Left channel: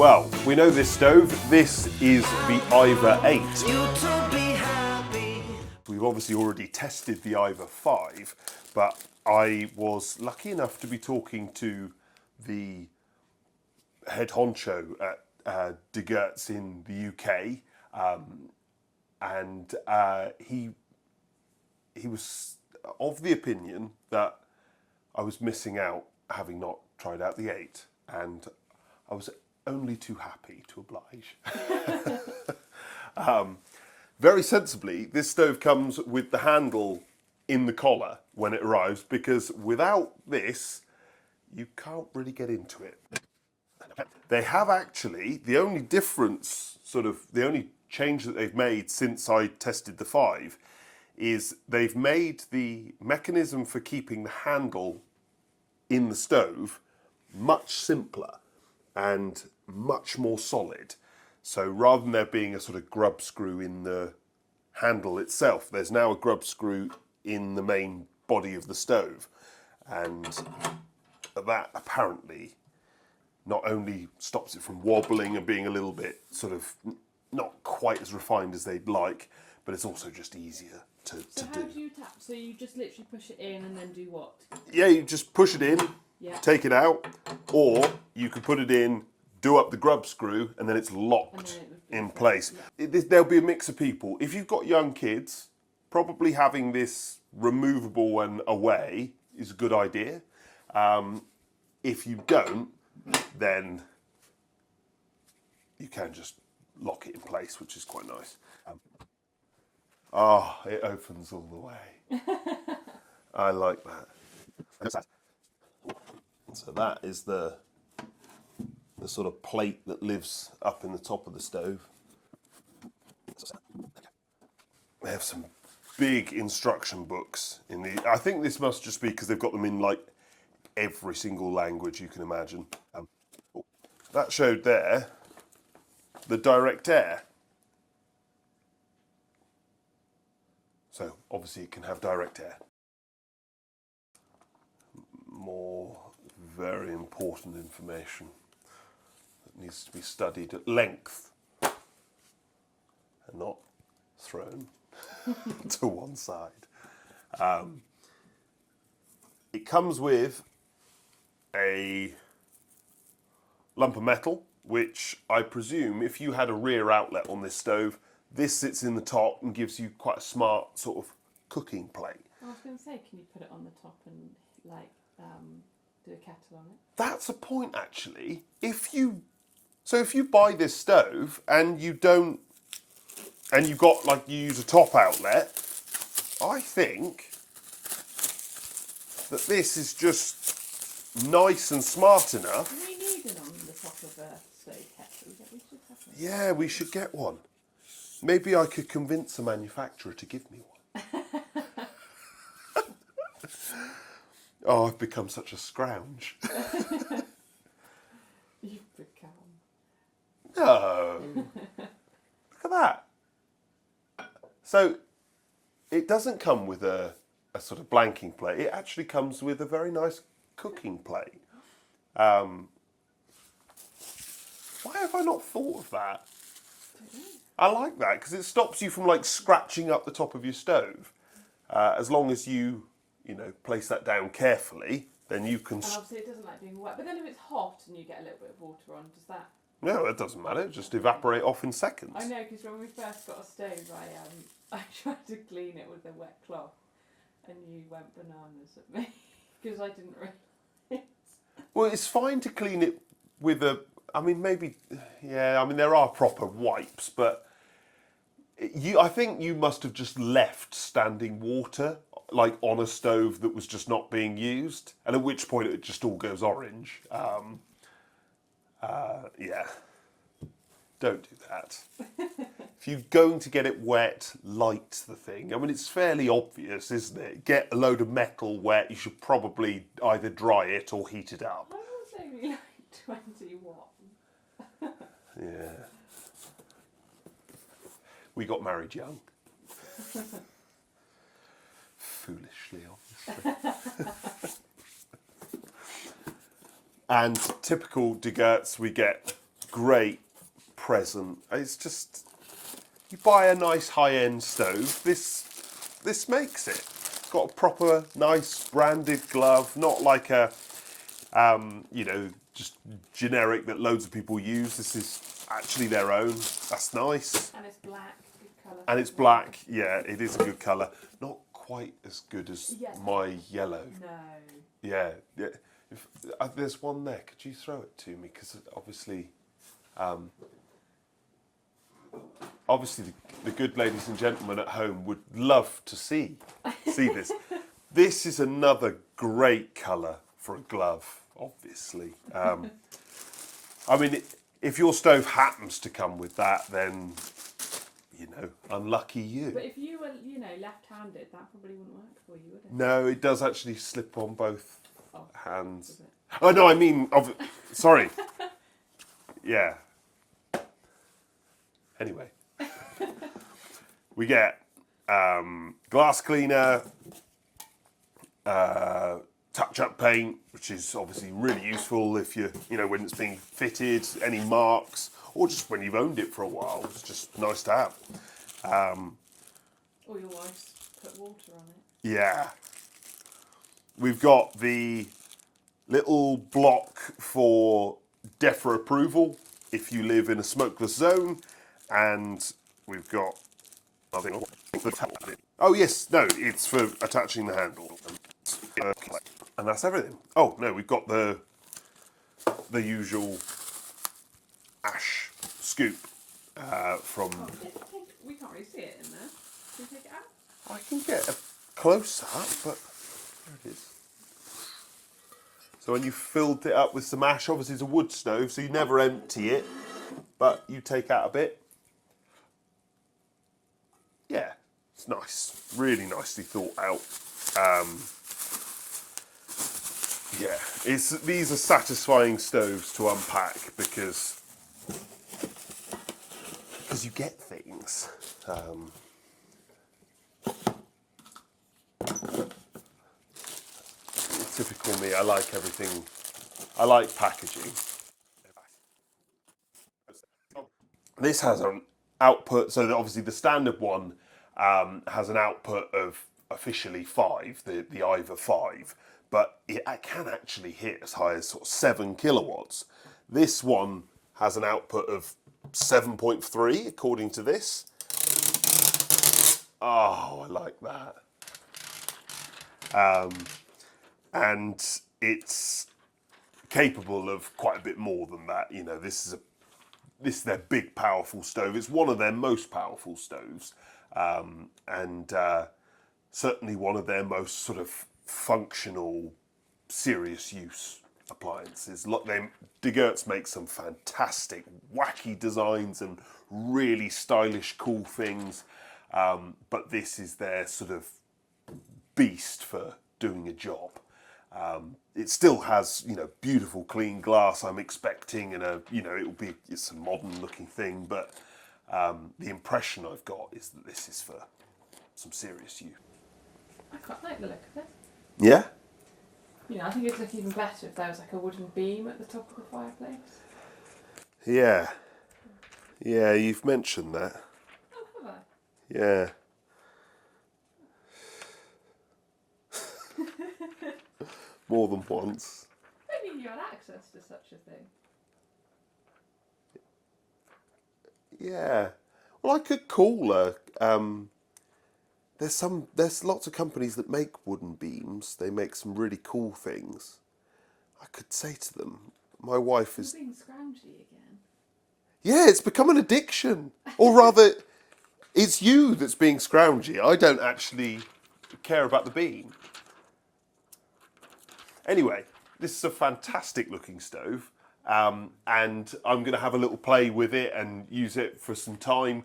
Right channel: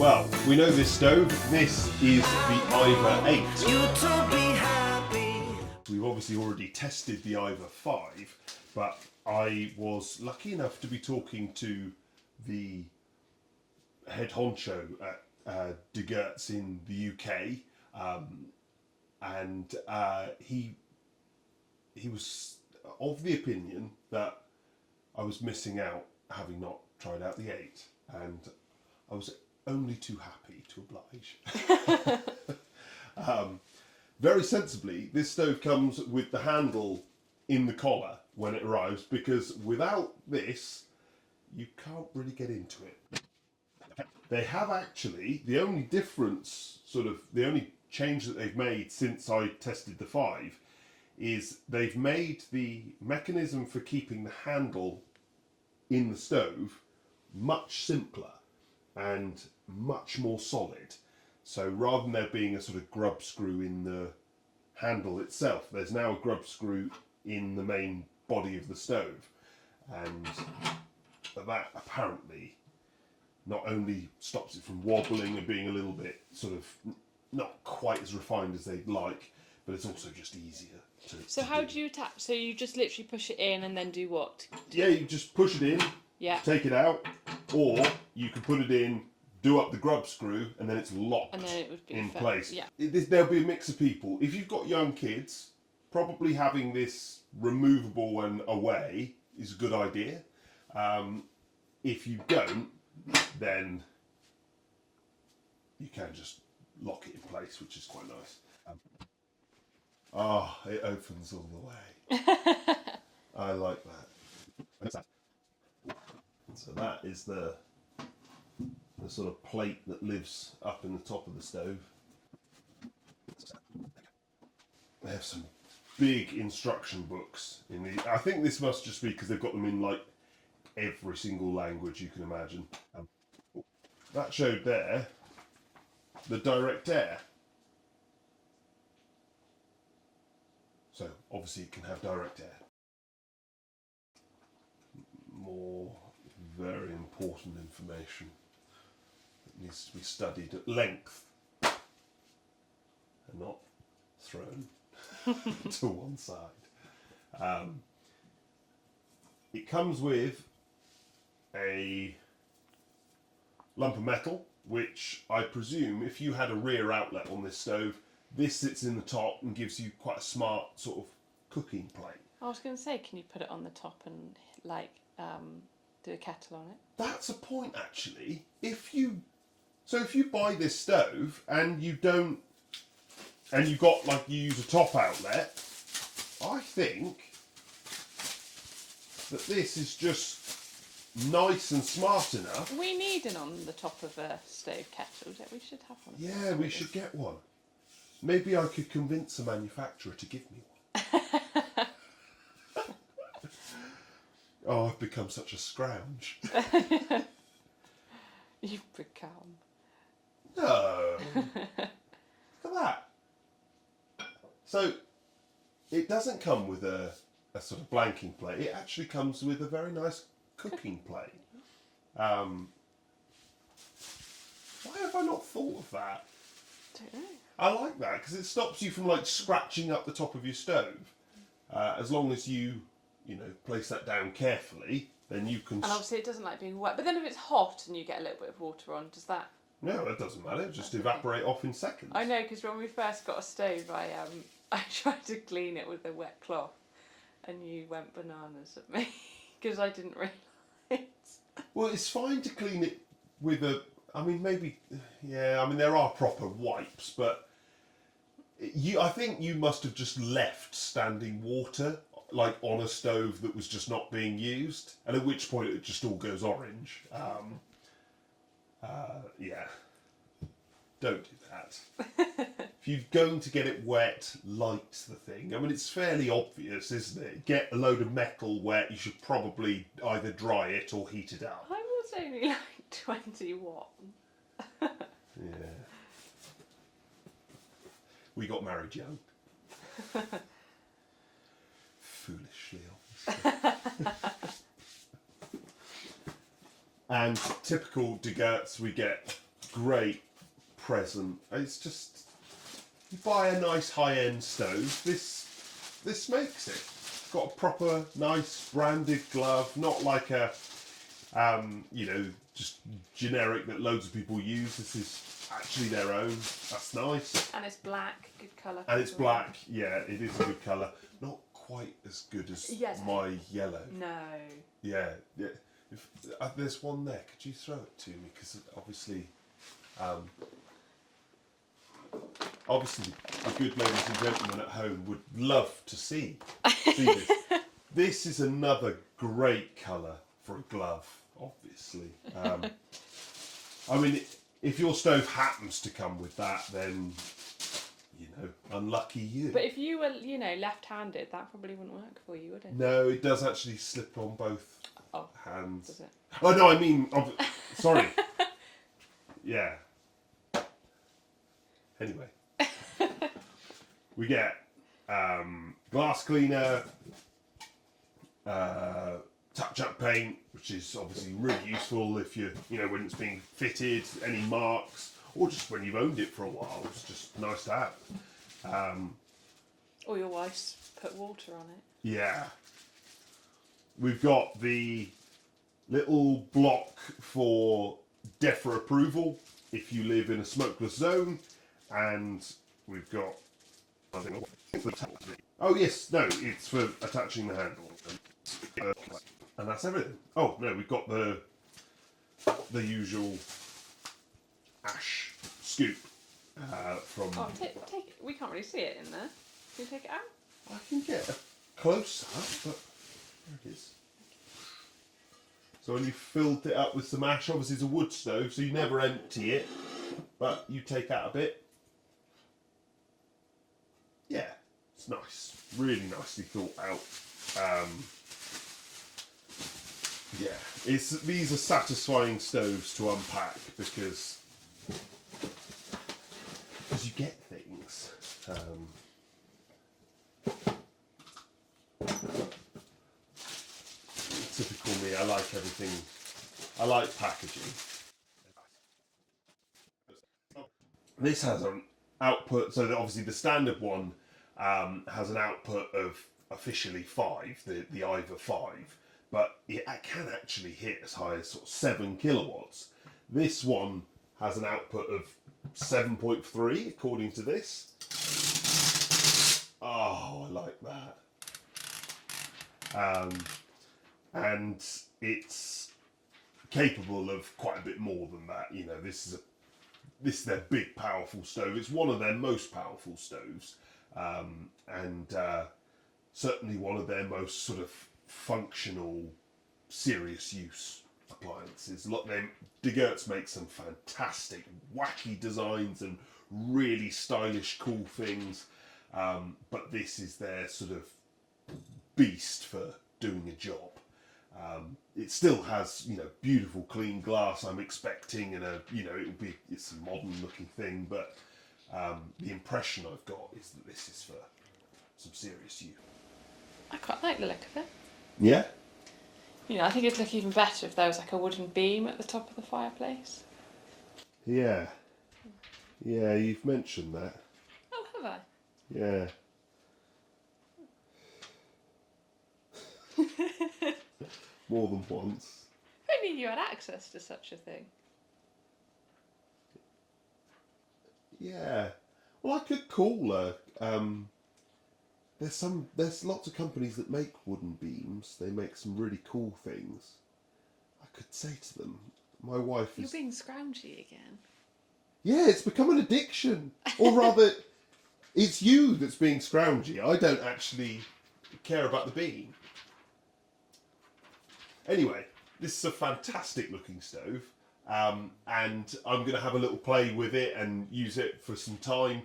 Well, we know this stove. This is the Ivar 8. We've obviously already tested the Ivar 5, but I was lucky enough to be talking to the head honcho at Dik Geurts in the UK, and he was of the opinion that I was missing out having not tried out the 8, and I was only too happy to oblige. Very sensibly, this stove comes with the handle in the collar when it arrives, because without this, you can't really get into it. They have actually, the only difference, the only change that they've made since I tested the 5 is they've made the mechanism for keeping the handle in the stove much simpler and much more solid. So rather than there being a sort of grub screw in the handle itself, there's now a grub screw in the main body of the stove. And that apparently not only stops it from wobbling and being a little bit sort of not quite as refined as they'd like, but it's also just easier to So how do you attach? So you just literally push it in and then do what? Yeah, you just push it in, take it out, or you could put it in, do up the grub screw, and then it's locked And then it would be in perfect. place. Yeah. There'll be a mix of people. If you've got young kids, probably having this removable and away is a good idea. If you don't, then you can just lock it in place, which is quite nice. It opens all the way. I like that. So that is the sort of plate that lives up in the top of the stove. They have some big instruction books in the. I think this must just be because they've got them in like every single language you can imagine. That showed there the direct air. So obviously it can have direct air. More very important information that needs to be studied at length and not thrown to one side. It comes with a lump of metal, which I presume if you had a rear outlet on this stove, this sits in the top and gives you quite a smart sort of cooking plate. I was going to say, can you put it on the top and do a kettle on it? That's a point actually. If you buy this stove and you don't, and you've got you use a top outlet, I think that this is just nice and smart enough. We need an on the top of a stove kettle. We should have one. Yeah, we should get one. Maybe I could convince a manufacturer to give me one. Oh, I've become such a scrounge. You've become. No. Look at that. So, it doesn't come with a sort of blanking plate. It actually comes with a very nice cooking plate. Why have I not thought of that? Don't know. I like that because it stops you from scratching up the top of your stove. As long as you place that down carefully, then you can. And obviously it doesn't like being wet. But then if it's hot and you get a little bit of water on, does that? No, it doesn't matter. It just evaporate off in seconds. I know, because when we first got a stove, I tried to clean it with a wet cloth, and you went bananas at me because I didn't realise. Well, it's fine to clean it with a. I mean, maybe. Yeah, I mean there are proper wipes, but I think you must have just left standing water on a stove that was just not being used, and at which point it just all goes orange. Yeah, don't do that. If you're going to get it wet, light the thing. I mean, it's fairly obvious, isn't it? Get a load of metal wet, you should probably either dry it or heat it up. I was only 21. Yeah. We got married young. Foolishly, obviously. And typical Dik Geurts, we get great present. It's just, you buy a nice high-end stove, this makes it. It's got a proper nice branded glove, not like a you know, just generic that loads of people use. This is actually their own. That's nice. And it's black, good colour. And it's black. Yeah, it is a good colour. Not quite as good as my yellow. No. Yeah. If, there's one there. Could you throw it to me? Because obviously, the good ladies and gentlemen at home would love to see this. This is another great colour for a glove, obviously. I mean, if your stove happens to come with that, then, you know, unlucky you. But if you were, you know, left-handed, that probably wouldn't work for you, would it? No, it does actually slip on both hands. Does it? Oh, no, I mean, sorry. Yeah. Anyway. We get glass cleaner, touch-up paint, which is obviously really useful if you know, when it's being fitted, any marks, or just when you've owned it for a while. It's just nice to have. Or your wife's put water on it. Yeah. We've got the little block for DEFRA approval if you live in a smokeless zone, and we've got nothing. Oh yes, no, it's for attaching the handle. And that's everything. Oh no, we've got the usual ash scoop from. Oh, take it. We can't really see it in there. Can you take it out? I can get a close up, but there it is. So when you filled it up with some ash, obviously it's a wood stove, so you never empty it, but you take out a bit. Yeah, it's nice. Really nicely thought out. Yeah, these are satisfying stoves to unpack because you get things. Typical me, I like everything. I like packaging. This has an output, so that obviously the standard one has an output of officially 5, the Ivar 5, but it can actually hit as high as sort of 7 kilowatts. This one has an output of 7.3 according to this. Oh, I like that. And it's capable of quite a bit more than that. You know, this is their big, powerful stove. It's one of their most powerful stoves, and certainly one of their most sort of functional, serious use appliances. Look, Dik Geurts makes some fantastic, wacky designs and really stylish, cool things. But this is their sort of beast for doing a job. It still has, you know, beautiful clean glass, I'm expecting, and it's a modern looking thing, but the impression I've got is that this is for some serious use. I quite like the look of it. Yeah? You know, I think it'd look even better if there was like a wooden beam at the top of the fireplace. Yeah. Yeah, you've mentioned that. Oh, have I? Yeah. More than once. Who knew you had access to such a thing? Yeah. Well, I could call her. There's lots of companies that make wooden beams. They make some really cool things. I could say to them, my wife is. You're being scroungy again. Yeah, it's become an addiction. Or rather, it's you that's being scroungy. I don't actually care about the beam. Anyway, this is a fantastic looking stove, and I'm going to have a little play with it and use it for some time.